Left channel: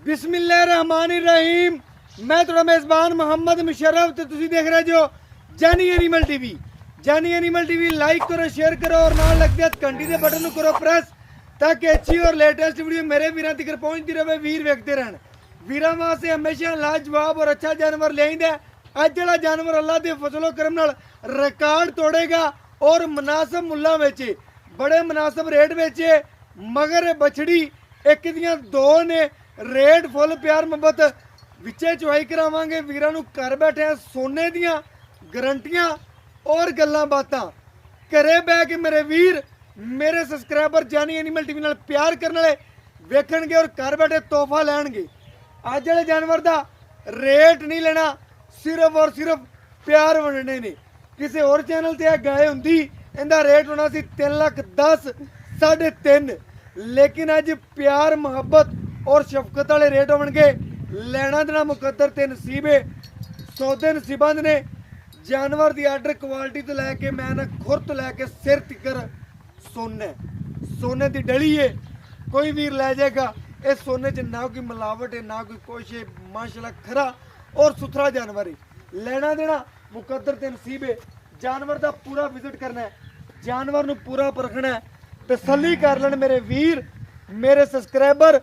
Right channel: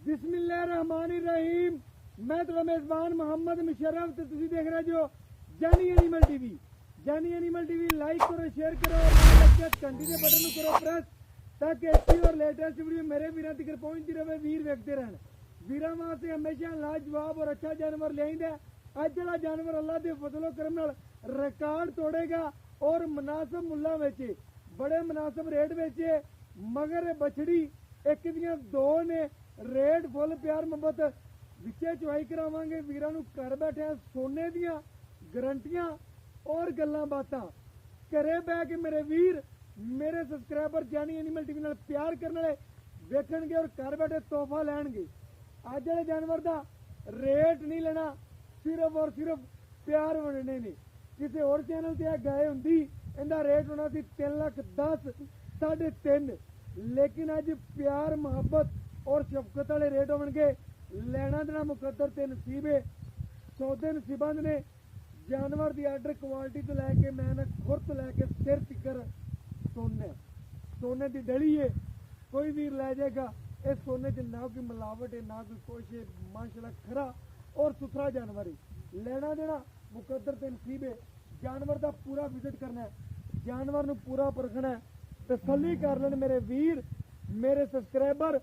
बिस्मिल्लाहिर्रहमानिर्रहीम। मैं थोड़ा मेज़बान मोहम्मद मुशर्रफ तो तुसी देख रहे जो जानी एनिमल टीवी। जानी एनिमल टीवी लाइक करो, शेयर करो और नाल लग गया घंटी के बटन को करो प्रेस ताकि अच्छी और लेटेस्ट वीडियो मेरे वीरां तक पहुंचती रहे, वीर वेखते रहन। वीरां वास्ते हमेशा लाजवाब और अच्छा जानवर ले आइंदा। अज जड़ा जानवर अल्लाह के फजलो करम नाल रिकॉर्ड तोड़ेगा और मुनासिब मुल्लां विच बड़े मुनासिब रेट बेचे। मगर बछड़ी एक दियां दो ने रेट फुल प्यार मुहब्बत विचे चुवाई करावांगे। वीरां नूं घर बैठे सोने दियां गारंटियां और गल्लां बातां घरे बह के मेरे वीर मेरे सबसक्राइबर जानी एनिमल टीवी नाल प्यार करने वाले वेखणगे और घर बैठे तोहफा लैणगे। अज वाले जानवर दा रेट नहीं लेना, सिर्फ और सिर्फ प्यार वंडने ने। किसी होर चैनल ते गाय हुंदी इहदा रेट होना सी 3,10,000 3.5, लेकिन अज प्यार मुहब्बत और शफकत वाले रेट होणगे। लेना देना मुकद्दर ते नसीब है, सौदे नसीबां दे ने। जानवर की आर्डर क्वालिटी तो लैके मैं ना खुर तो लैके सिर तिकर सोने की डली है। कोई वीर लै जाएगा। इस सोने च ना कोई मिलावट है ना कोई कुछ है। माशाल्लाह खरा और सुथरा जानवर है। लेना देना मुकद्दर ते नसीब है। जानवर का पूरा विजिट करना है, जानवर नूं पूरा परखना है, तसल्ली कर लेन मेरे वीर मेरे सबसक्राइबर।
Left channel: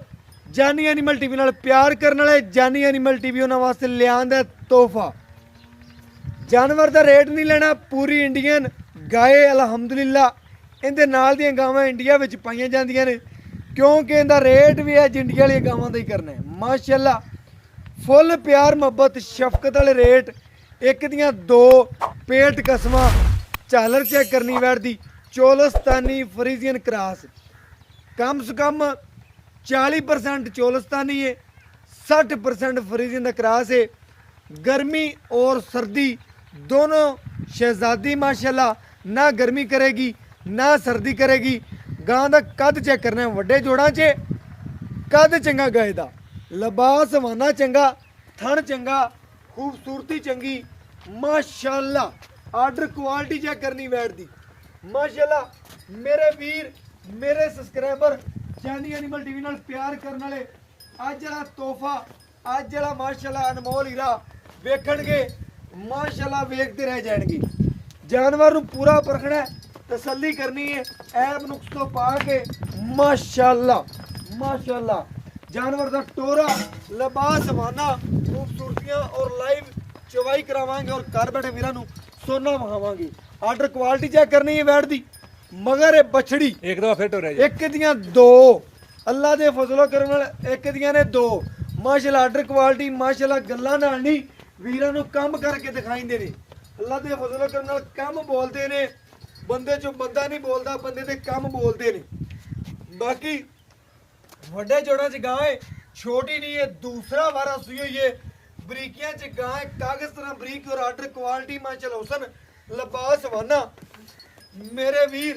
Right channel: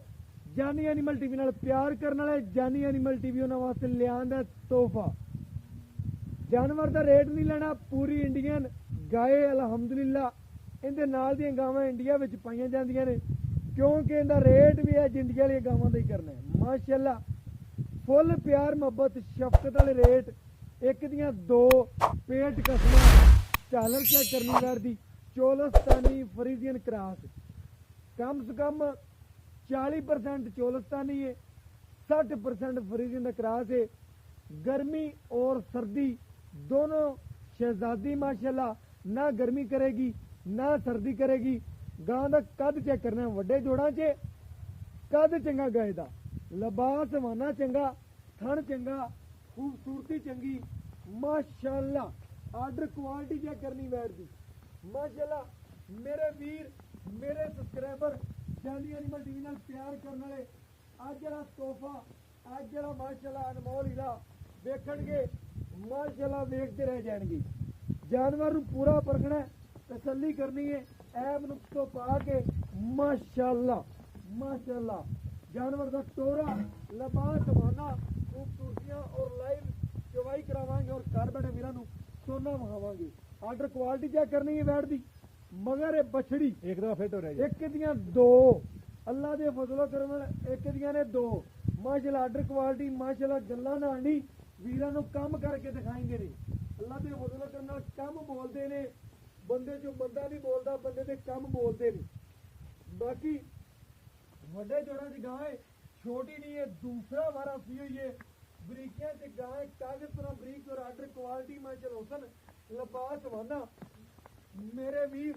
जानी एनिमल टीवी नाल प्यार करने वाले जानी एनिमल टीवी उन्हां वास्ते लिआंदा तोहफा। जानवर का रेट नहीं लेना, पूरी इंडियन गाय अलहमदुलिल्लाह इहदे नाल दियां गावां इंडिया विच पाईयां जांदियां ने, क्योंकि इहदा रेट भी अज इंडिया वाली गावां दा ही करना है। माशाल्लाह फुल प्यार मुहब्बत शफकत वाले रेट। एक दियां दो पेट कसमां झालर चेक करनी बैठदी। चोलस्तानी फ्रीजियन क्रॉस कम से कम 40% चोलस्तानी है, 60% फ्रीजियन का क्रॉस है। गर्मी और सर्दी दोनों शहजादी माशाल्लाह ना गर्मी करेगी ना सर्दी करेगी। गां का कद चेक करना है, वड्डे जोड़ां च कद चंगा गाय दा, लिबास हवाना चंगा, थन चंगा, खूबसूरती चंगी माशाल्लाह। आर्डर क्वालिटी चेक करनी बैठदी माशाल्लाह। मेरे वीर मेरे सबसक्राइबर जानी एनिमल टीवी नाल प्यार करने वाले अज जड़ा तोहफा अज जड़ा माशाल्लाह अनमोल हीरा वेखणगे माशाल्लाह वेखते रह जाएंगे। जानवर नूं पूरा परखना है, तसल्ली करनी है, ऐब नुक्स तो पा के माशाल्लाह माशाल्लाह। जानवर का टोरा लिबास हवाना खूबसूरतियां और लाइव चवाई करावांगे और घर बैठे वीरां नूं सोना वहावांगे। आर्डर क्वालिटी चेक करनी है बैठ दी। मगर ये बछड़ी एक दफा फिट हो रहा है, एक दियां दो अल्लाह दे फजलो करम नाल एक दियां ने दो माशाल्लाह। आर्डर क्वालिटी माशाल्लाह गल्लां नाल नहीं वीरां नूं काम करके दिखाइंदे ने। अल्लाह दे फजलो करम नाल काम बोलदे ने, बंदे चों बंदा नहीं बोलदा, बंदे दे काम बोलदे ने। बाकी वड्डे जोड़ां च गाय छोटी नहीं है, दूसरा वारा सुई हुई है। बरीकियां च गाय कागज तरह बरीक और आर्डर क्वालिटी माशाल्लाह हुसन लिबास हवाना। मेरे वीर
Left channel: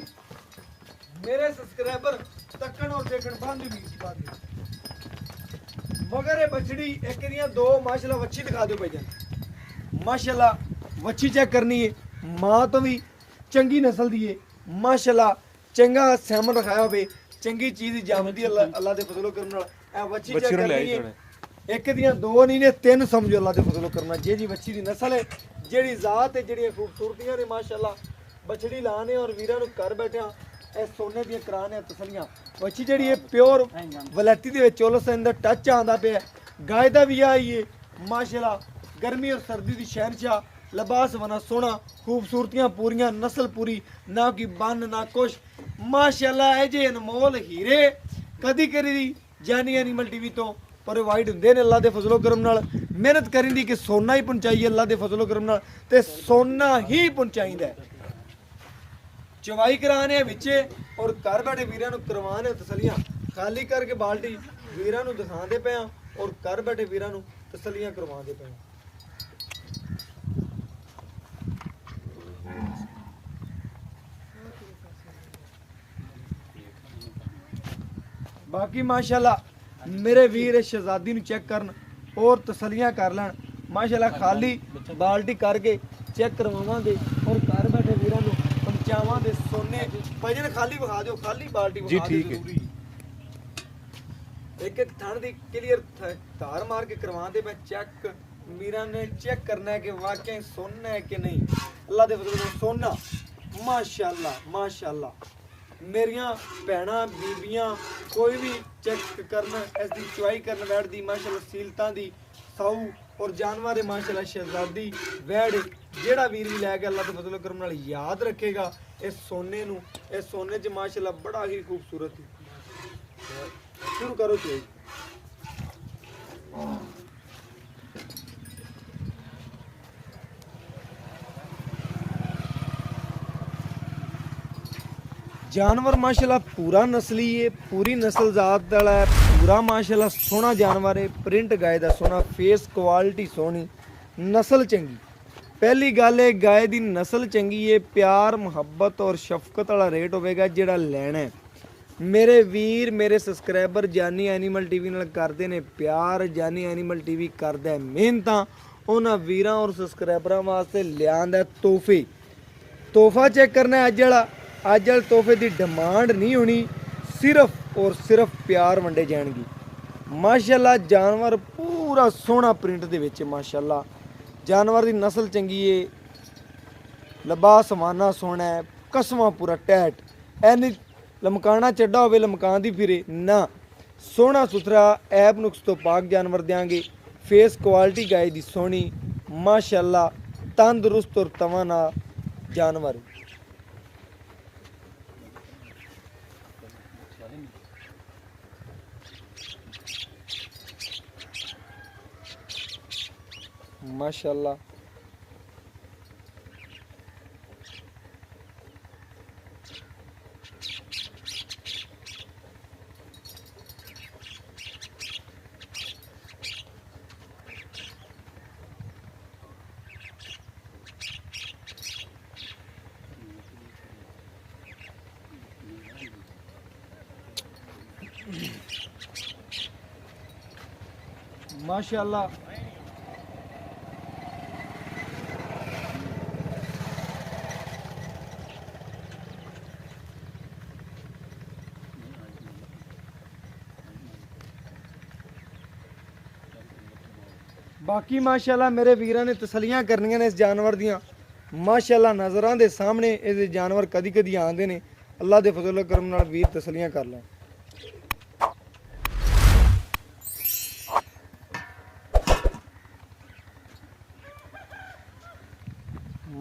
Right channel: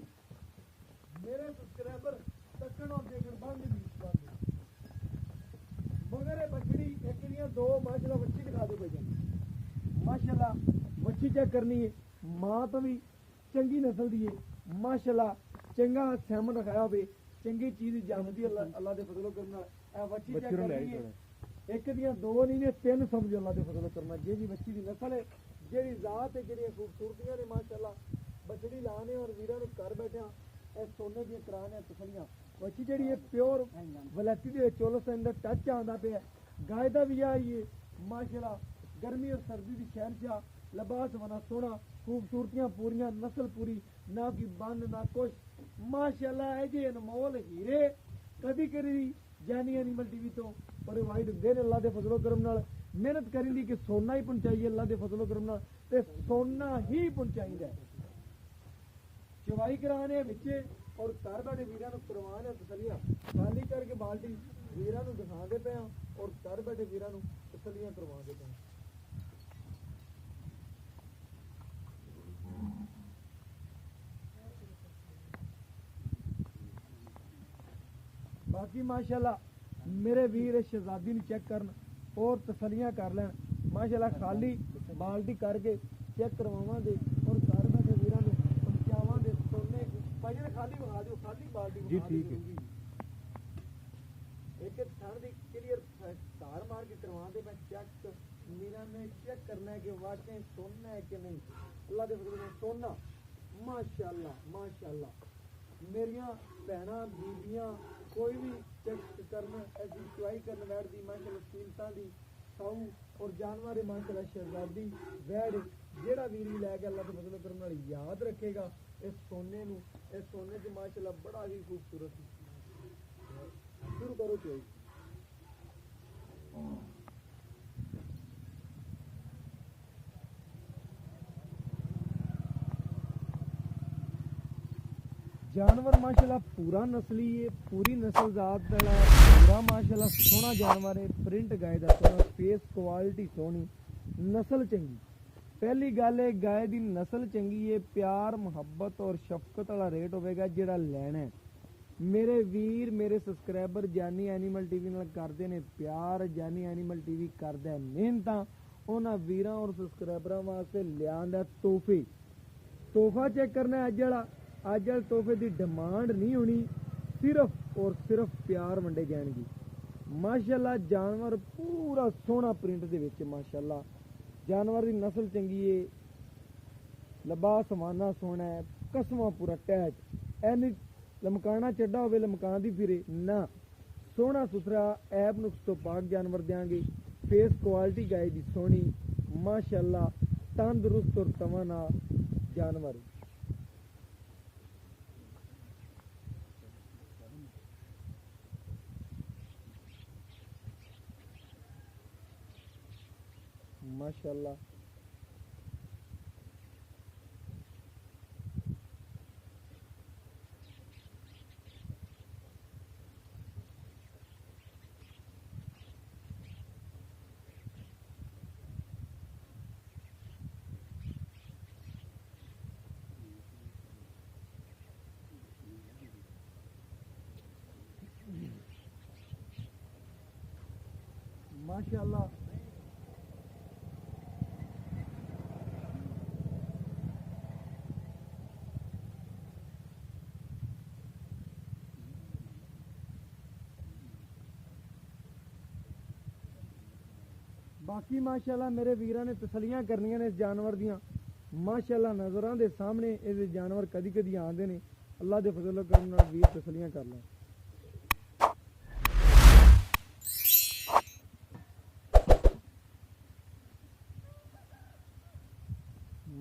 मेरे सब्सक्राइबर तकन और देखन बंद भी बात। मगर ये बछड़ी एक दियां दो माशाल्लाह वच्छी दिखा दो भाईजान। माशाल्लाह वच्छी चेक करनी है, मां तो भी चंगी नस्ल दी है माशाल्लाह। चंगा सैमन रखाया होवे, चंगी चीज जामदी अल्लाह दे फजलो करम नाल। ए वच्छी चेक करनी है, एक दियां दो नहीं ने तीन समझो अल्लाह दे फजलो करना। जेड़ी वच्छी दी नस्ल है, जेड़ी जात है, जेड़ी खूबसूरतियां ने माशाल्लाह बछड़ी लाने और वीरां नूं घर बैठे सोने दी कराने तसलियां। वच्छी जेड़ी है प्योर वलैती दे विच चोलस्तान दा टच आंदा पिया। गाय दा भी आई है माशाल्लाह। गर्मी और सर्दी दी शहनशाह, लिबास बना सोना, खूबसूरतियां पूरियां, नस्ल पूरी, ना कि बन ना कुछ माशाल्लाह। जे अनमोल हीरे कदी करी जानी एनिमल टीवी तो प्रोवाइड हुंदे ने अल्लाह दे फजलो करम नाल। मेहनत करिंदी कि सोना ही पहुंचाइए अल्लाह दे फजलो करम नाल, ते सोना ही पहुंचाइंदा है। चवाई कराने विचे और घर बैठे वीरां नूं करवाने तसलियां। खाली करके बाल्टी वीरां नूं दिखांदे पे और घर बैठे वीरां नूं तसलियां करवांदे पे। बाकी माशाल्लाह मेरे वीर शहजादी नूं चेक करन और तसलियां कर लैन माशाल्लाह। खाली बाल्टी करके चेक करवावांगे और घर बैठे वीरां नूं पहुंचावांगे सोने। भाईजान खाली विखा दिओ, खाली बाल्टी जी विखा ठीक दिओ है। जरूरी। एक एक थन दी क्लियर धार मार के करवाते मैं चेक मीरा ने चेक करना है कि वाकई सोना है कि नहीं। अल्लाह दे फजल सोना माशाअल्लाह माशाअल्लाह। मेरिया भैणा बीबियां कोई भी चेक करना इसकी चुआई करन बैठदी माशाअल्लाह सीलतां दी साऊ और जानवर है माशाअल्लाह शहजादी वैड़ जेड़ा वीर भी लै गया अल्लाह के फजल करम नाल याद रखेगा इस सोने नू। इस सोने च माशाअल्लाह बड़ा ही खूबसूरत शुरू करो चुआई। जानवर माशाल्लाह पूरा नस्ली है पूरी नस्ल जात वाला है पूरा माशाल्लाह सोहना जानवर है प्रिंट गाय का सोहना फेस क्वालिटी सोहनी नस्ल चंगी। पहली गल है गाय की नस्ल चंगी है प्यार मुहब्बत और शफकत वाला रेट होगा जिहड़ा लैना है। मेरे वीर मेरे सबसक्राइबर जानी एनीमल टीवी नाल करदे ने प्यार जानी एनीमल टीवी करदा है मेहनत उन्हां वीरां और सबसक्राइबरां वास्ते लिआंदा तोहफे तोहफा चेक करना है अज वाले तोहफे की डिमांड नहीं होनी सिर्फ और सिर्फ प्यार वंडे जाएंगे। माशाल्लाह जानवर पूरा सोहना प्रिंट दे विच माशाल्लाह जानवर की नस्ल चंगी है लबा समाना सोहना है कसमा पूरा टैट एनी लमकाना चड्डा होवे लमकान दी फिरे ना सोहना सुथरा ऐब नुक्स तो पाक जानवर देंगे। फेस क्वालिटी गाय की सोहनी माशाल्लाह तंदुरुस्त और तवाना जानवर माशाल्लाह। माशाल्लाह बाकी माशाल्लाह मेरे वीरां ने तसलियां करनियां ने इस जानवर दियां माशाल्लाह नज़रां दे सामने ये जानवर कदी कदी आंदे ने अल्लाह दे फजल करम नाल वीर तसलियां कर लें।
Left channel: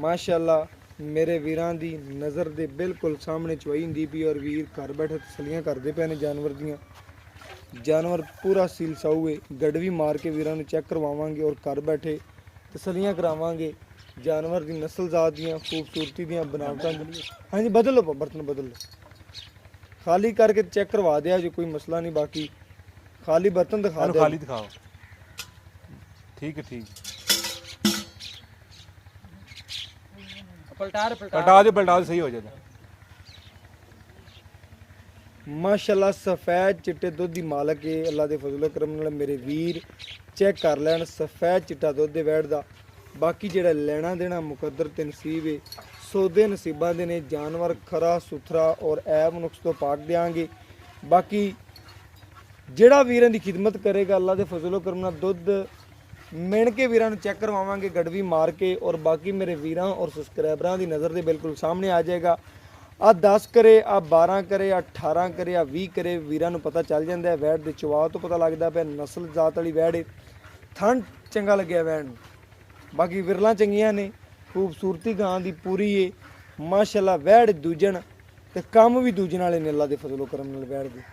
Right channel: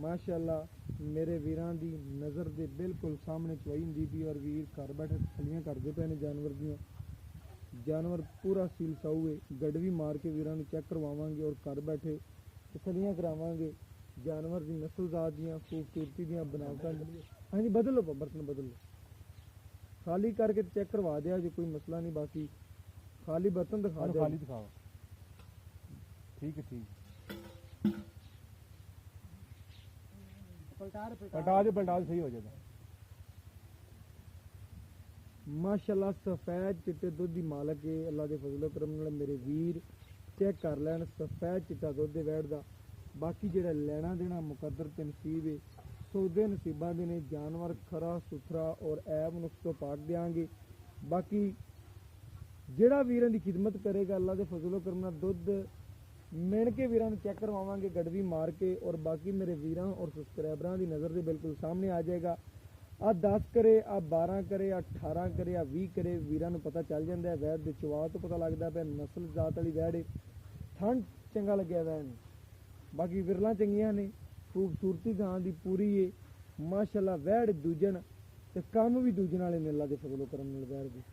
माशाल्लाह मेरे वीरां दी नज़र दे बिल्कुल सामने चुआई हुंदी पई और वीर घर बैठे तसलियां करदे पे ने जानवर दियां। जानवर पूरा सील साऊ है गड़वी मार के वीरां नूं चेक करवावांगे और घर बैठे तसलियां करावांगे जानवर की नस्ल जात दियां खूबसूरती दियां बनावटां। हाँ जी बदल लो बर्तन बदल लो खाली करके चेक करवा दिया जो कोई मसला नहीं। बाकी खाली बर्तन दिखा दो खाली दिखाओ ठीक है ठीक पलटा दो सही हो जाएगा। माशाल्लाह सफ़ैद चिट्टे दुध की मालक है अल्लाह के फजलो करम नाल मेरे वीर चेक कर लैन सफ़ैद चिट्टा दुध दे वैड़ दा। बाकी जेड़ा लेना देना मुकद्दर ते नसीब है सौदे नसीबां दे ने जानवर खरा सुथरा और ऐब नुक्स तो पाक देंगे। बाकी जेड़ा वीरां दी खिदमत करेगा अल्लाह के फजलो करम नाल दुध मिण के वीरां नूं चेक करवावांगे गड़वी मार के और बाकी मेरे वीरां और सबसक्राइबरां दी नज़र दे बिल्कुल सामने आ जाएगा। आ 10 करे आ 12 करे आ 18 करे आ 20 करे वीरां नूं पता चल जाता है वैड़ दे चवा तो पता लगता पे नस्ल जात वाली वैड़ है थन चंगा लग्या वैड़ नूं। बाकी विरलां चंगियां ने खूबसूरती गां दी पूरी है माशाल्लाह वैड़ दूजन ते कम भी दूजन वाले ने अल्लाह दे फजलो करम नाल वैड़ दे।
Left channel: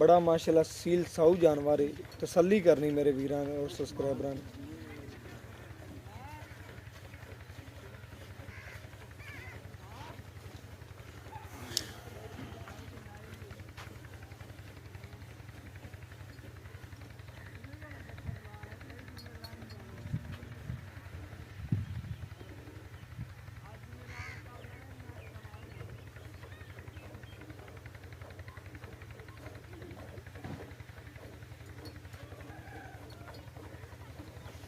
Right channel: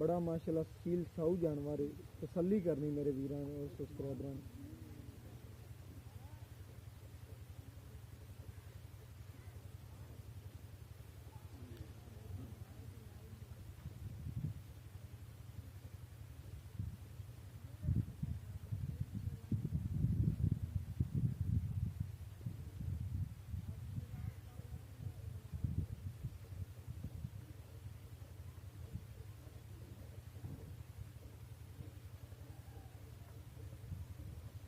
बड़ा माशाल्लाह सील साऊ जानवर है तसल्ली करनी मेरे वीरां ने और सबसक्राइबरां ने।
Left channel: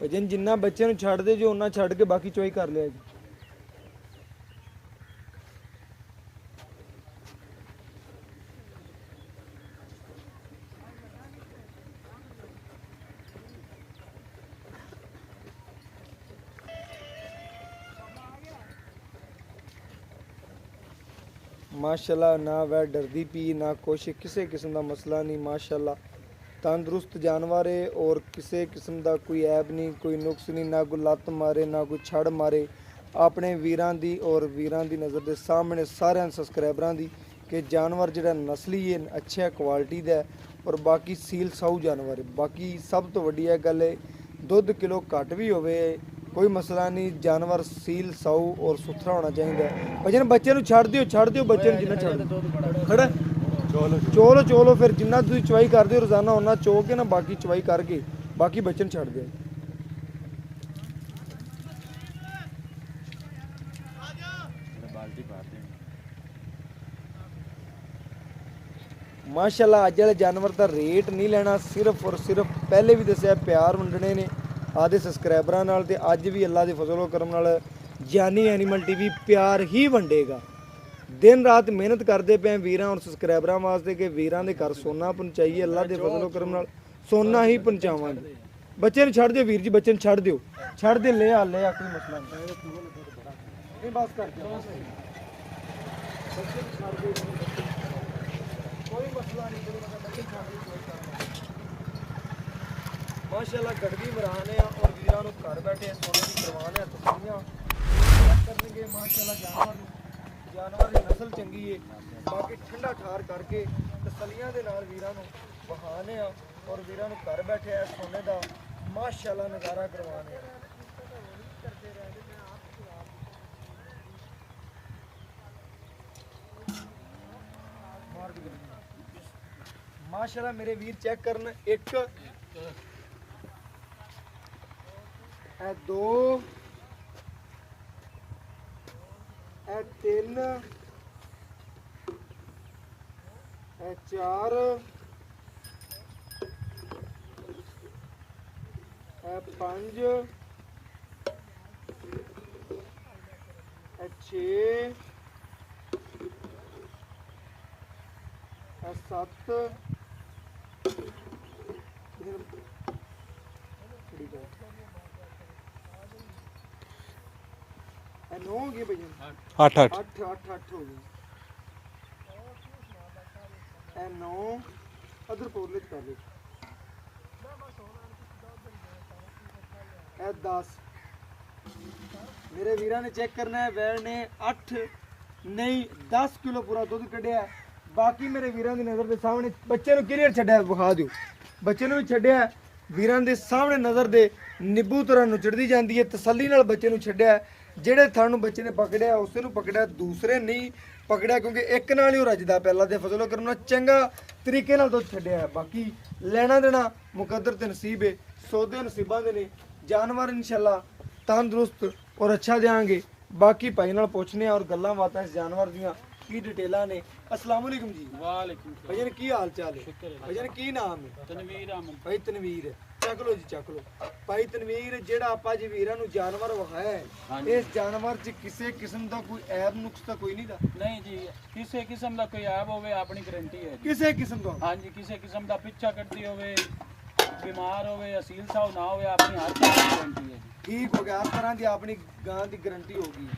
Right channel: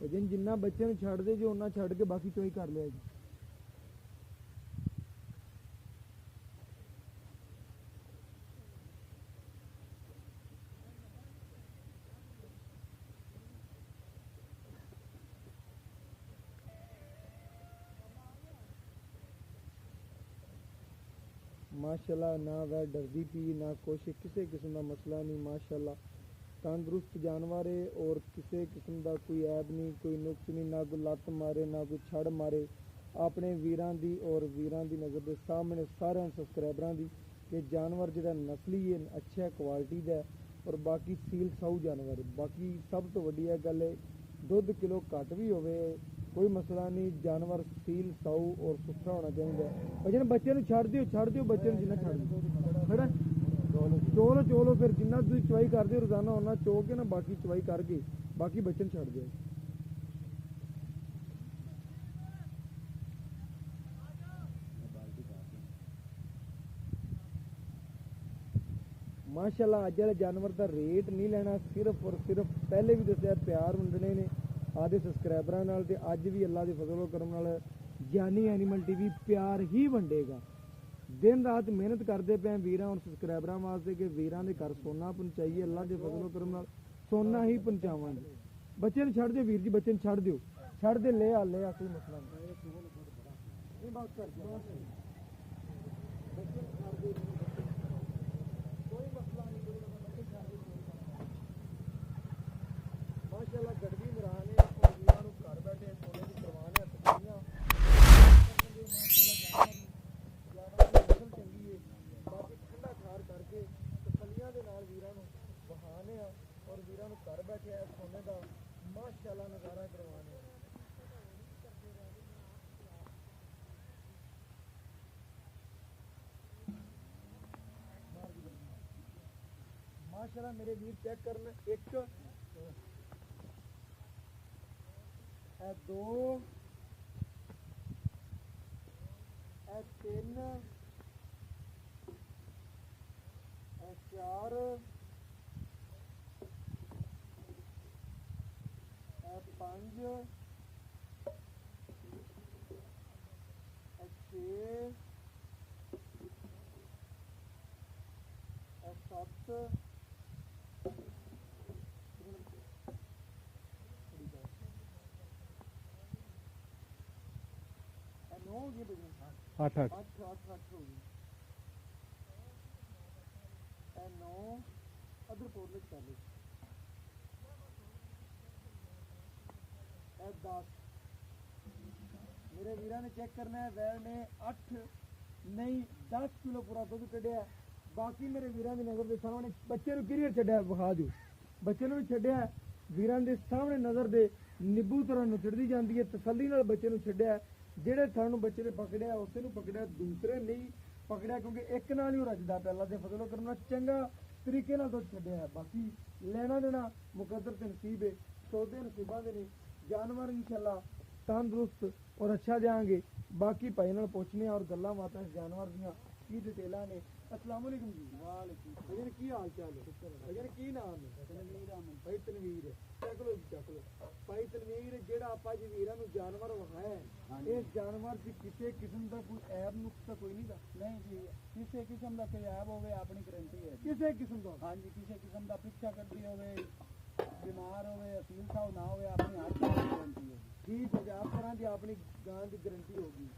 ਭਜਨ ਜਿੰਨਾ ਬੱਚੇ ਨੂੰ ਛੱਡ ਦੇ ਜੋ ਉਹਨਾਂ ਛੱਡ ਕੇ ਬਾਕੀ ਚੋਈ ਕਰ ਲਿਆ ਜੀ। ਮਾਸ਼ਾਅੱਲਾ ਨਾ ਵੈ ਡਰਦੀ ਪੀ ਨਾ ਕੁਛ ਕਿਸੇ ਕਿਸਮ ਦਾ ਮਸਲਾ ਨਹੀਂ। ਮਾਸ਼ਾਅੱਲਾ ਤੰਦਰੁਸਤ ਜਾਨਵਰ ਹੈ ਔਰ ਕਿਸੇ ਕਿਸਮ ਦਾ ਕੋਈ ਐਬ ਨਹੀਂ, ਕੋਈ ਨੁਕਸ ਨਹੀਂ, ਨਾ ਕੋਈ ਲੱਤ ਮਾਰੇ ਨਾ ਕੋਈ ਛੜ ਮਾਰੇ। ਆਪਣੇ ਵੀਰਾਂ ਦੀ ਔਰ ਵੀਰਾਂ ਦੀ ਨਜ਼ਰ ਦੇ ਸਾਹਮਣੇ ਸਾਰਿਆਂ ਸਬਸਕ੍ਰਾਈਬਰਾਂ ਦੀ ਕਿ ਜਾਨਵਰ ਜਿਹੜਾ ਨਸਲੀ ਹੈ ਅੱਛਾ ਕੁਆਲਿਟੀ ਦਾ ਹੈ ਔਰ ਬਾਕੀ ਸੀਲ ਸਾਊ ਜਾਨਵਰ ਹੈ। ਬਾਕੀ ਸਭ ਤੋਂ ਵੱਡੀ ਇਹ ਗੱਲ ਹੈ ਦੁੱਧ ਕਿਲੋ ਘੱਟ ਵੀ ਹੋਵੇ ਕੋਈ ਮਸਲਾ ਨਹੀਂ, ਜਾਨਵਰ ਸੀਲ ਸਾਊ ਔਰ ਸੁਥਰਾ ਹੋਣਾ ਚਾਹੀਦਾ ਹੈ। ਭਜਨ ਬੱਚੇ ਨੂੰ ਛੱਡ ਦਿਓ ਬੱਚੇ ਨੂੰ ਜਿੰਨਾ ਛੱਡ ਦਿਓ। ਖੜਾ ਚੋਲੋ ਫਿਰ ਜਿੰਨਾ ਤੁਸੀਂ ਚਵਾਈ ਕਰਦੇ ਹੋ ਰੋਜ਼ਾਨਾ ਉਹਨਾਂ ਚੋ ਕੇ ਨਾ ਬਾਕੀ ਚਵਾਈ ਕਰਕੇ ਬਾਕੀ ਬੱਚੇ ਨੂੰ ਛੱਡ ਦਿਓ। ਮਾਸ਼ਾਅੱਲਾ ਅੱਜ ਵਾਲੇ ਜਾਨਵਰ ਦਾ ਰੇਟ ਨਹੀਂ ਲੈਣਾ, ਸਿਰਫ ਔਰ ਸਿਰਫ ਪਹਿਲੇ ਵੀ ਦੱਸਿਆ ਪਿਆਰ ਵੰਡਣੇ ਨੇ ਆਦੇ ਸਬਸਕ੍ਰਾਈਬਰਾਂ ਨਾਲ ਤੇ ਅੱਜ ਵੀ ਅੱਲਾ ਦੇ ਫਜ਼ਲ ਕਰਮ ਨਾਲ ਜਾਨੀ ਐਨੀਮਲ ਟੀਵੀ ਪਿਆਰ ਹੀ ਵੰਡੇਗਾ। ਦਿਨ ਰਾਤ ਮਿਹਨਤ ਕਰਦੇ ਪਏ ਵੀਰਾਂ ਔਰ ਸਬਸਕ੍ਰਾਈਬਰਾਂ ਵਾਸਤੇ ਕਿ ਵੀਰਾਂ ਦੇ ਘਰ ਸੋਨਾ ਪਹੁੰਚਾਈਏ। ਅੱਲਾ ਦੇ ਫਜ਼ਲ ਕਰਮ ਨਾਲ ਸੋਨਾ ਹੀ ਪਹੁੰਚਾਵਾਂਗੇ। ਬੱਚੇ ਨੂੰ ਛੱਡ ਦਿਓ ਵੀਰ ਜੀ, ਬੱਚੇ ਨੂੰ ਛੱਡ ਦਿਓ, ਛੱਡ ਦੇ ਲੈ ਆ ਕੋਈ ਮਸਲਾ ਨਹੀਂ ਬਸ ਕਰ ਦਿਓ ਬੱਚੇ ਨੂੰ ਛੱਡ ਦਿਓ ਕੋਈ ਮਸਲਾ ਨਹੀਂ ਬੱਚੇ ਛੱਡ ਦਿਓ ਕੋਈ ਕਰਨਾ। ਮਾਸ਼ਾਅੱਲਾ ਗੜਵੀ ਮਰਾਨੇ ਆ ਔਰ ਵੀਰਾਂ ਨੂੰ ਘਰ ਬੈਠੇ ਸੋਨੇ ਦੀ ਕਰਵਾਨ ਹੈ ਤਸਲੀਆਂ ਕਰਨਗੇ। ਮਾਸ਼ਾਅੱਲਾ ਜਾਨਵਰ ਦੀ ਨਸਲ ਚੰਗੀ ਹੈ। ਬਾਕੀ ਠੰਡਾ ਠਾਰ ਕਰਕੇ ਤਸਲੀਆਂ ਦੇ ਨਾਲ ਵੀਰਾਂ ਨੂੰ ਵਹਾਨੇ ਆ ਔਰ ਵੀਰਾਂ ਨੂੰ ਘਰ ਬੈਠੇ ਆ ਸੋਨੇ ਦਾ ਮਾਸ਼ਾਅੱਲਾ ਨਜ਼ਾਰਾ ਕਰਵਾਨੇ ਆ। ਮਾਸ਼ਾਅੱਲਾ ਮੇਰੇ ਵੀਰ ਚੈੱਕ ਕਰਨ, ਇੱਕ ਇਹ ਦੋ ਇਹ ਤਿੰਨ ਇਹ ਚਾਰ ਇਹ ਪੰਜ ਇਹ ਛੇ ਇਹ ਸੱਤ ਨੌ ਹੋ ਗਏ ਭਈਆ 8 8 ਹੋ ਗਏ। ਇਹ 9 ਅਦਰ ਪੋਰਲੇ ਚ ਕਰ ਲਓ। ਇਹ 10 ਮੇਰੇ ਵੀਰਾਂ ਨੇ ਚੈੱਕ ਕਰਨਾ ਹੈ। ਵੈੜ ਨੇ 8 ਨਹੀਂ 10 ਕਿਲੋ ਪੂਰਾ ਦੁੱਧ ਕੱਢਿਆ। ਬਾਕੀ ਮੇਰੇ ਵੀਰਾਂ ਦੀ ਨਜ਼ਰ ਦੇ ਸਾਹਮਣੇ ਬੱਚੇ ਨੂੰ ਕਲੀਅਰ ਛੱਡਿਆ ਵਿਖਾ ਦਿਓ। ਬੱਚੇ ਨੂੰ ਵੀ ਛੱਡਿਆ ਵੀਰਾਂ ਦੇ ਸਾਹਮਣੇ ਨਜ਼ਰ ਦੇ ਨਿੱਬੂ ਤਰ੍ਹਾਂ ਨੁਚੜਦੀ ਜਾਂਦੀ ਹੈ। ਤਸੱਲੀ ਨਾਲ ਬੱਚੇ ਨੂੰ ਛੱਡਿਆ। ਜਿਹੜੇ ਥਣ ਨੂੰ ਬੱਚੇ ਨੇ ਪਕੜਿਆ ਉਸੇ ਨੂੰ ਪਕੜਿਆ, ਦੂਸਰੇ ਨਹੀਂ ਪਕੜਿਆ ਕਿਉਂਕਿ ਇੱਕ ਨਾਲ ਹੀ ਉਹ ਰੱਜਦਾ ਪਹਿਲਾਂ ਦੇ ਫਜ਼ਲ ਕਰਮ ਨਾਲ ਚੰਗਾ ਤਰੀਕੇ ਨਾਲ ਦੁੱਧ ਛੱਡਿਆ। ਬਾਕੀ ਲੈਣਾ ਦੇਣਾ ਮੁਕੱਦਰ ਤੇ ਨਸੀਬ ਹੈ, ਸੌਦੇ ਨਸੀਬਾਂ ਦੇ ਨੇ। ਜਾਨਵਰ ਇਨਸ਼ਾਅੱਲਾ ਤੰਦਰੁਸਤ ਔਰ ਅੱਛਾ ਦੇਾਂਗੇ। ਬਾਕੀ ਭਾਈ ਨਾਲ ਪੁੱਛਨੇ ਔਰ ਗੱਲਾਂ ਬਾਤਾਂ ਇਸ ਜਾਨਵਰ ਦੀਆਂ ਕੀ ਡਿਟੇਲਾਂ ਨੇ। अस्सलाम वालेकुम जी। वालेकुम भजन की हाल चाल है? भजन की नाम है? तनवीर अहमद भाई तनवीर चक लो जी चक लो। भाई तनवीर जेड़ा आपा जी वीरां नु जानवर वहाया हाँ है जी। इस जानवर च किसी किस्म दा कोई ऐब नुक्स ता कोई नहीं दा? नहीं जी, किसी किस्म का कोई ऐब होवे अपनी गारंटी है जी। किसी किस्म दा? हाँ जी, किसी किस्म का पिछा कटती होवे, बीमार होवे, असील साव ना होवे, अपनी हर तरह की गारंटी है जी। ठीक हो गया, हर तरह की अपनी गां दी गारंटी होगी।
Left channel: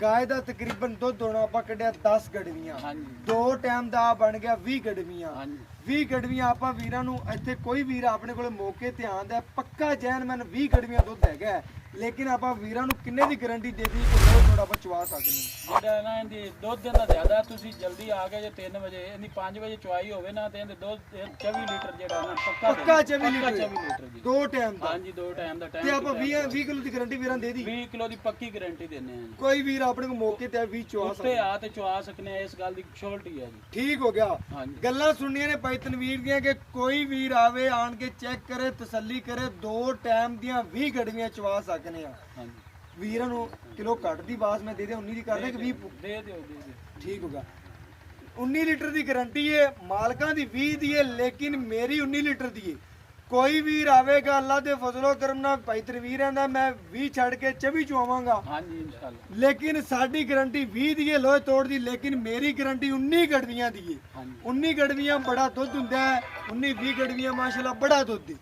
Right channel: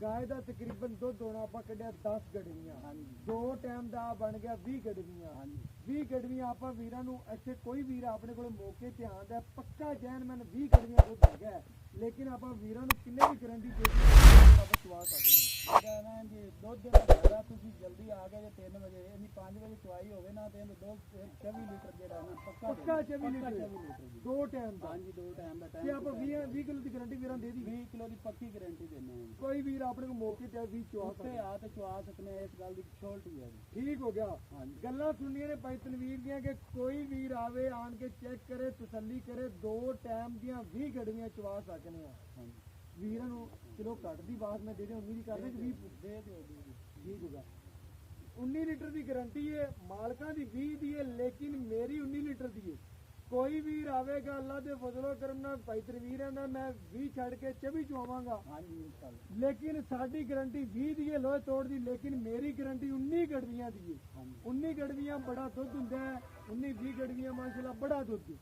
गाय ਦਾ ਤਕਰੀਬਨ ਦੁੱਧ ਹੋਣਾ ਆਪਾਂ ਕੱਢਿਆ 10 ਗੜਵੀਆਂ। हाँ जी ਦੋ ਟਾਈਮ ਦਾ ਬਣ ਗਿਆ 20 ਗੜਵੀਆਂ। हाँ जी 20 ਗੜਵੀਆਂ ਆਪਾਂ ਵੀਰਾਂ ਨੂੰ ਇੱਥੇ ਕੋਈ ਵੀਰ ਆਪਣੇ ਕੋਲੇ ਮੌਕੇ ਤੇ ਆਂਦਾ ਪੱਕਾ ਜੈਨਮਨ 20 ਗੜਵੀਆਂ ਦੁੱਧ ਹੈਗਾ ਹੈ। ਲੇਕਿਨ ਆਪਾਂ ਵੀਰਾਂ ਨੂੰ ਕਿੰਨੇ ਦੀ ਗਾਰੰਟੀ ਦੇ ਦਿੱਤੀ ਕਿ ਥੋੜਾ ਬਚਵਾ ਸਕਦੇ ਹਾਂ। ਜਿਹੜਾ ਨਾ ਇਹਦੀ ਦੁੱਧ ਦਾ ਜ਼ਿਆਦਾ ਤੁਸੀਂ ਜਲਦੀ ਆ ਗਏ ਜੇ 3 ਵਜੇ ਇਹਦੀ 5 ਵਜੇ ਚੁਆਈ ਹੋਵੇ ਨਾ ਤੇ ਇਹਦੇ ਦੁੱਧ 24 ਲੀਟਰ ਜਿਹੜਾ ਨਾ ਪੱਕਾ ਪੱਕਾ 24 ਪੱਕਾ ਲੀਟਰ 24 ਲੀਟਰ ਜੀ। ਦੋ ਟਾਈਮ ਦਾ। हाँ जी, 2 टाइम ਦਾ ਤੇ टाइम ਆਪਾਂ 20 ਕਿਲੋ ਦੀ ਗਾਰੰਟੀ ਵੀਰਾਂ ਦੇ ਦੀ। 20 ਕਿਲੋ ਦੀ ਪੱਕੀ ਗਾਰੰਟੀ ਦਿੰਨੇ ਆ ਜੀ। ਕੋਈ ਵੀਰ ਆਪਣੇ ਕੋਲ ਮੌਕੇ ਤੇ 20 ਚਵਾ ਉੱਤੇ ਸਕਦਾ। ਆ ਤੇ ਚੁਆ ਸਕਨੇ ਆ, ਇਸ ਗੱਲ ਦੀ ਸ਼ੋਰਟੀ ਹੈ ਜੀ। ਠੀਕ ਹੋ ਗਿਆ। हाँ जी ਗੱਲਾਂ ਸੁਣਨੀਆਂ ਨੇ ਭਾਈ ਤਨਵੀਰ ਦੀਆਂ ਕਿ ਕੋਈ ਵੀਰ ਆਵੇ ਆਣ ਕੇ ਚੈੱਕ ਕਰੇ ਤਸੱਲੀ ਕਰੇ। ਦੋ ਟਾਈਮ ਦੀਆਂ 20 ਗੜਵੀਆਂ ਚਵਾ ਸਕਨੇ ਆ। हाँ जी ਵੀਰਾਂ ਨੂੰ ਕਿਲੋ ਘੱਟ ਦੀ ਬਾਸ ਮੈਂ ਦੇ ਦੇ 19 ਦੀ ਕਰਦੇ ਕਿ 20 ਦੇ ਦਿਓ। ਠੀਕ ਹੋਗਾ। 19 ਲੀਟਰ ਦੀ ਗਾਰੰਟੀ ਹੈ, ਮਾਲਕਾਂ ਦੀ 20 ਦੀ ਹੈ, ਲੇਕਿਨ ਮੇਰੀ 19 ਲੀਟਰ ਦੀ ਹੈ। ਕੋਈ ਵੀਰ ਆਵੇਗਾ ਅੱਲਾ ਦੇ ਫਜ਼ਲੋ ਕਰਮ ਨਾਲ ਭਾਈ ਤਨਵੀਰ ਆਂਦਾ ਮੈਂ 20 ਛੱਡ ਕੇ 24 ਚਵਾਵਾਂਗਾ, ਹਾਂਜੀ ਇਨਸ਼ਾਅੱਲਾ। ਲੇਕਿਨ ਸਾਡੀ ਗਰੰਟੀ 20 ਦੀ ਹੈ ਲੋਹੇ ਤੋੜ ਦੀ, ਲੇਕਿਨ ਮੇਰੀ ਗਰੰਟੀ 19 ਗੜਵੀਆਂ ਦੀ ਹੈ। ਹਾਂਜੀ 19 ਗੜਵੀਆਂ ਬੜਾ ਦੁੱਧ ਹੁੰਦਾ ਹੈ, 19-20 ਗੜਵੀਆਂ ਮਾਸ਼ਾਅੱਲਾ ਬੜਾ ਦੁੱਧ ਹੈ,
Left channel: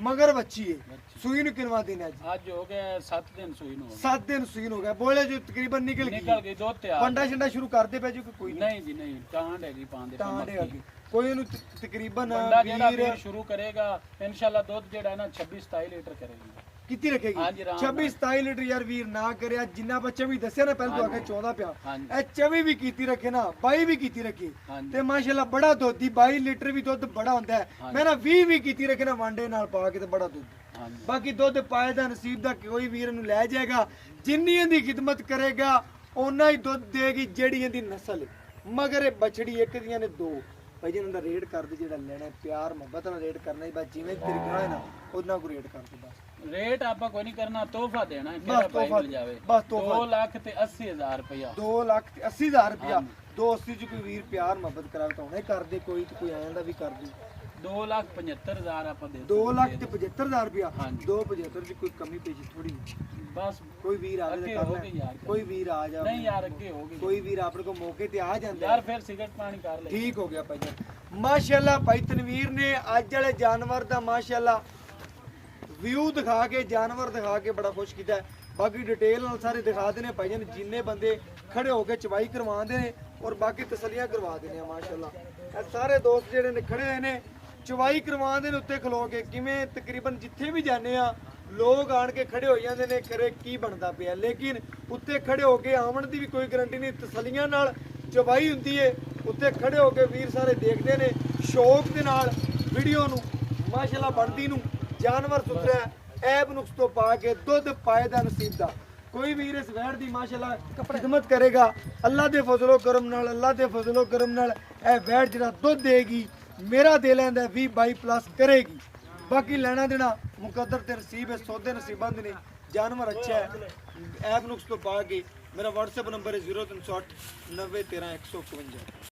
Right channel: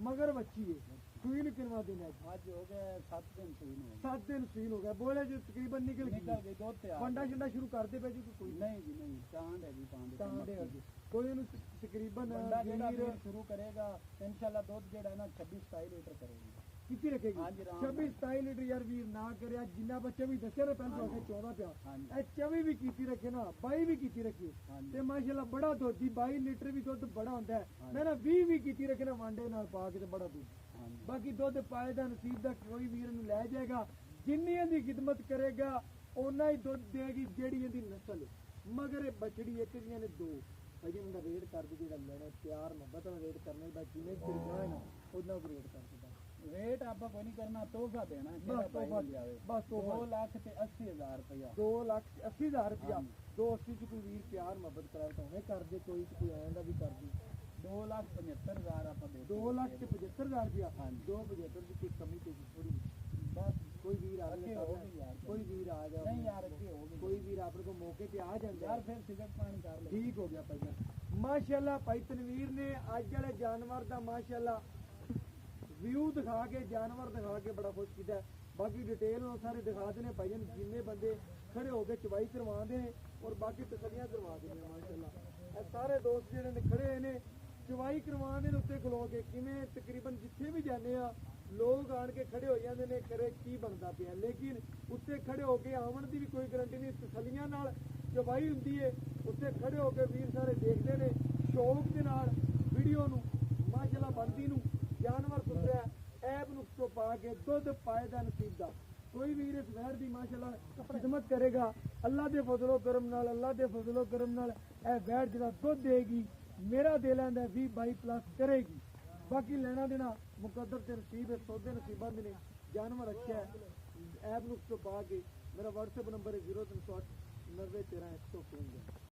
ਮਗਰ ਬੱਚੀ ਹੈ। ਸੂਈ ਨੂੰ ਕਿੰਨਵਾ ਦਿਨ ਹੈ ਜੀ? ਅੱਜ ਹੋ ਗਏ 7 ਦਿਨ ਸੂਈ ਨੂੰ 7 ਦਿਨ ਸੂਈ ਨੂੰ ਹੋ ਗਏ, ਬੋਲੇ ਜੋ ਤਕਰੀਬਨ ਨਿਕਲ ਨਿਕਲ ਗਈ। ਗਈ ਦੁੱਧ ਤਿਆਰ। ਪੰਡਾ ਛੰਡਾ ਸ਼ੁਰੂ ਕਰਦੇ ਪਏ ਜੀ ਕਿ ਕੋਈ ਨਹੀਂ ਜੀ ਨਹੀਂ, ਟਾਂਡ ਹੈਗੀ ਪਾਉਂਦੇ ਤਾਂ ਦੇ ਅੱਗੇ ਕੋਈ ਉਹਨੂੰ ਤਕਰੀਬਨ ਬੰਦਾ ਜਿਹੜਾ ਵੀਰ ਵੀਰ ਸ਼ੁਰੂ ਕਰੇਗਾ ਇਨਸ਼ਾਅੱਲਾ ਦੁੱਧ ਜਿਹੜਾ ਹੈ ਨਾ 26-27 ਲੀਟਰ ਕਰੇਗੀ। ਕਿੱਤੀ ਰੱਖੇਗੀ? ਹਾਂਜੀ, ਆਰਾਮ 26-27 ਲੀਟਰ ਯਾਰ ਵੀਰ ਨਾ ਕਰਿਆ, ਜਿੰਨਾ ਬੱਚਾ ਵੀ ਦੱਸਿਆ ਨਾ ਪਹਿਲਾਂ ਤੋਂ ਆਖੇ 14 ਪਿਆ, ਹਾਂਜੀ ਇਹ 24 ਵੀ ਕੀਤੀ ਰੱਖੇ ਨਾ 22 ਵੀ ਕੀਤੀ ਰੱਖੇ ਹਾਂਜੀ ਤੇ ਮਾਸ਼ਾਅੱਲਾ ਬੜਾ ਦੁੱਧ ਦੀ 22 ਲੀਟਰ ਵੀ ਦੁੱਧ ਬੜਾ ਹੁੰਦਾ ਹੈ। ਹਾਂਜੀ। ਮੈਂ ਨਾ 20 ਵੀ ਕੀਤੀ ਰੱਖੇ ਨਾ ਵਾਂਡੇ ਨਾਲ ਪਾ ਕੇ ਤੇ ਬੜਾ ਦੁੱਧ। ਹਾਂਜੀ ਬਾਕੀ ਦੁੱਧ ਪਾਏ ਦਾ ਨਸੀਬ ਦਾ ਕੋਈ ਵੀਰ ਨੂੰ ਲੈ ਜਾਏਗਾ, ਜਿੰਨੀ ਇਹਦੀ ਖਿਦਮਤ ਕਰੇਗਾ ਓਨਾ ਹੀ ਦੁੱਧ ਦੇਗੀ ਜਿਹੜੀ ਇਹਦੀ ਨਸਲ ਹੈ। ਮਗਰ ਇਹ ਬਛੜੀ ਇੱਕ ਦੀਆਂ ਨੇ ਦੋ ਭਾਈ ਜੀ, ਇਹਨਾਂ ਦਾ ਰੇਟ ਕਰਦੇ ਜਿਹੜਾ ਲੈਣਾ ਹੈ, ਪਿਆਰ ਮੁਹੱਬਤ ਨਾਲ ਰੇਟ ਕਰਨਾ ਹੈ, ਬਸ ਜਿਵੇਂ ਤੇਰੇ ਕੋਲ ਹੈ ਨਾ ਉਹਨਾਂ ਕੋ ਰੇਟ ਕਰ ਦੇ ਬਸ। ਰੇਟ ਆਪਾਂ ਕੋਈ ਨਹੀਂ ਕਰਨਾ, ਤੋਹਫਾ ਦੇਣਾ ਹੈ, ਬਸ ਕਿਹੜਾ ਭਾਈ ਤੋਹਫਾ ਮਿਲ ਜਾਵੇ। ਬਸ ਤੋਹਫਾ 2,80,000 ਰੁਪਇਆ। 2,80,000 ਰੁਪਇਆ। 280 ਚ ਕੋਈ ਵੀਰ ਪਿਆਰ ਮੁਹੱਬਤ ਕਰਾਵੇ ਤਾਂ ਹੁਣੇ ਕਰ ਦੇ, ਕੋਈ ਤੇ ਕੋਈ ਆਇਆ ਦਾ ਵੀ ਕਰ ਦੂ। 2,75,000 ਆਪਾਂ ਦੇ 2,75,000 ਰੁਪਇਆ। ਹਾਂਜੀ। 275 ਚ ਕੋਈ ਕਮੀ ਪੇਸ਼ੀ ਥੋੜੀ। ਬਸ ਕੋਈ ਵੀਰ ਆਵੇ ਅੱਗੇ ਤਾਂ ਹੋ ਕਰ ਗਈ ਲੈ, ਯਾਰ। ਕੋਈ ਵੀਰ ਆ ਜਾ, ਨਹੀਂ ਯਾਰ ਅੱਗੇ ਹੋ ਗਈ ਕੋਈ ਵੀਰ ਆਪਣੇ ਕੋ ਮੌਕੇ ਤੇ ਆ ਜਾਂਦਾ ਯਾਰ, ਫਿਰ ਸਿਗਰਟ ਪਾਣੀ ਕਰ ਲੈ। ਠੀਕ ਹੋ ਗਿਆ ਭਾਈ ਜਾਨ। ਮਾਸ਼ਾਅੱਲਾ ਭਾਈ ਤਨਵੀਰ ਨੇ ਅੱਜ ਵਾਲੇ ਜਾਨਵਰ ਦਾ ਮਾਸ਼ਾਅੱਲਾ ਵਿਊ ਦਿਖਾ ਕੇ, ਜਾਨਵਰ ਦਿਖਾ ਕੇ ਬੜਾ ਖੁਸ਼ ਕੀਤਾ ਹੈ। ਬਾਕੀ ਡਿਟੇਲ ਨਾਲ ਸਾਰੇ ਦਿਖਾ ਦੇਣੇ ਭਾਈ ਜਾਨ, ਜਿੰਨੇ ਬੰਦੇ ਖੜੇ ਹੋ ਕੇ ਚਵਾਈ ਕਰਵਾਉਂਦੇ ਨੇ ਔਰ ਬਾਕੀ ਤਸੱਲੀਆਂ ਕਰਵਾ ਦੇਣੇ ਆ ਮਾਸ਼ਾਅੱਲਾ। ਇਹ ਸਾਰੇ ਦੋਸਤ ਜਿਹੜੇ ਨੇ ਖੜੇ ਹੋਏ ਨੇ ਚਵਾਈ ਕਰਵਾਉਂਦੇ ਨੇ ਉੱਤੇ ਖਲੋ ਕੇ, ਕਿਵੇਂ ਤਕਰੀਬਨ ਜਿੱਥੇ ਵੀ ਜਾਂਦੇ ਆ ਲੋਕ ਆਣ ਕੇ ਖੜੇ ਹੋ ਜਾਂਦੇ ਨੇ ਕਰੇ ਕੀ ਬਣਦਾ ਪਿਆ, ਲੇਕਿਨ ਉੱਤੇ ਖੜੇ ਹੋ ਕੇ ਆਉਣ ਦੀ ਵੀ ਕੋਈ ਗਰੰਟੀ ਨਹੀਂ, ਤਸੱਲੀਆਂ ਨਾਲ ਚਵਾਈ ਹੁੰਦੀ ਏ। ਉੱਤੇ ਖੜੇ ਹੋ ਕੇ ਵੀਰ ਸਾਰੇ ਦੇਖਦੇ ਨੇ ਸ਼ੌਕ ਦੇ ਨਾਲ ਵੀਡੀਓ ਨੂੰ, ਮਾਸ਼ਾਅੱਲਾ ਬਣਦੀ ਨੂੰ। ਜਾਨਵਰ ਸੁਥਰਾ ਐਬ ਨੁਕਸ ਤੋਂ ਪਾ ਕੇ ਦੁੱਧ ਪਾਏ ਦਾ ਨਸੀਬ ਦਾ ਕੋਈ ਵੀਰ ਇਸ ਵੈੜ ਦੀ ਮਾਸ਼ਾਅੱਲਾ ਖਿਦਮਤ ਕਰੇਗਾ ਅੱਲਾ ਦੇ ਫਜ਼ਲੋ ਕਰਮ ਨਾਲ, ਅੱਲਾ ਦੇ ਫਜ਼ਲੋ ਕਰਮ ਨਾਲ ਇਹ ਵੈੜ ਜਿਹੜਾ ਦੁੱਧ ਦੇਗੀ ਮੇਰਾ ਦੇ ਲੈਂਦਾ 20-22 ਪਲੱਸ ਕਰੇਗੀ। ਬਾਕੀ ਲੈਣਾ ਦੇਣਾ ਮੁਕੱਦਰ ਤੇ ਨਸੀਬ ਹੈ, ਸੌਦੇ ਨਸੀਬਾਂ ਦੇ ਨੇ। ਜਾਨਵਰ ਅੱਛਾ ਹੈ, ਐਪ ਨੁਕਸ ਤੋਂ ਪਾ ਕੇ। ਮੇਰਾ WhatsApp ਨੰਬਰ ਹੈ 0308 90 13 151।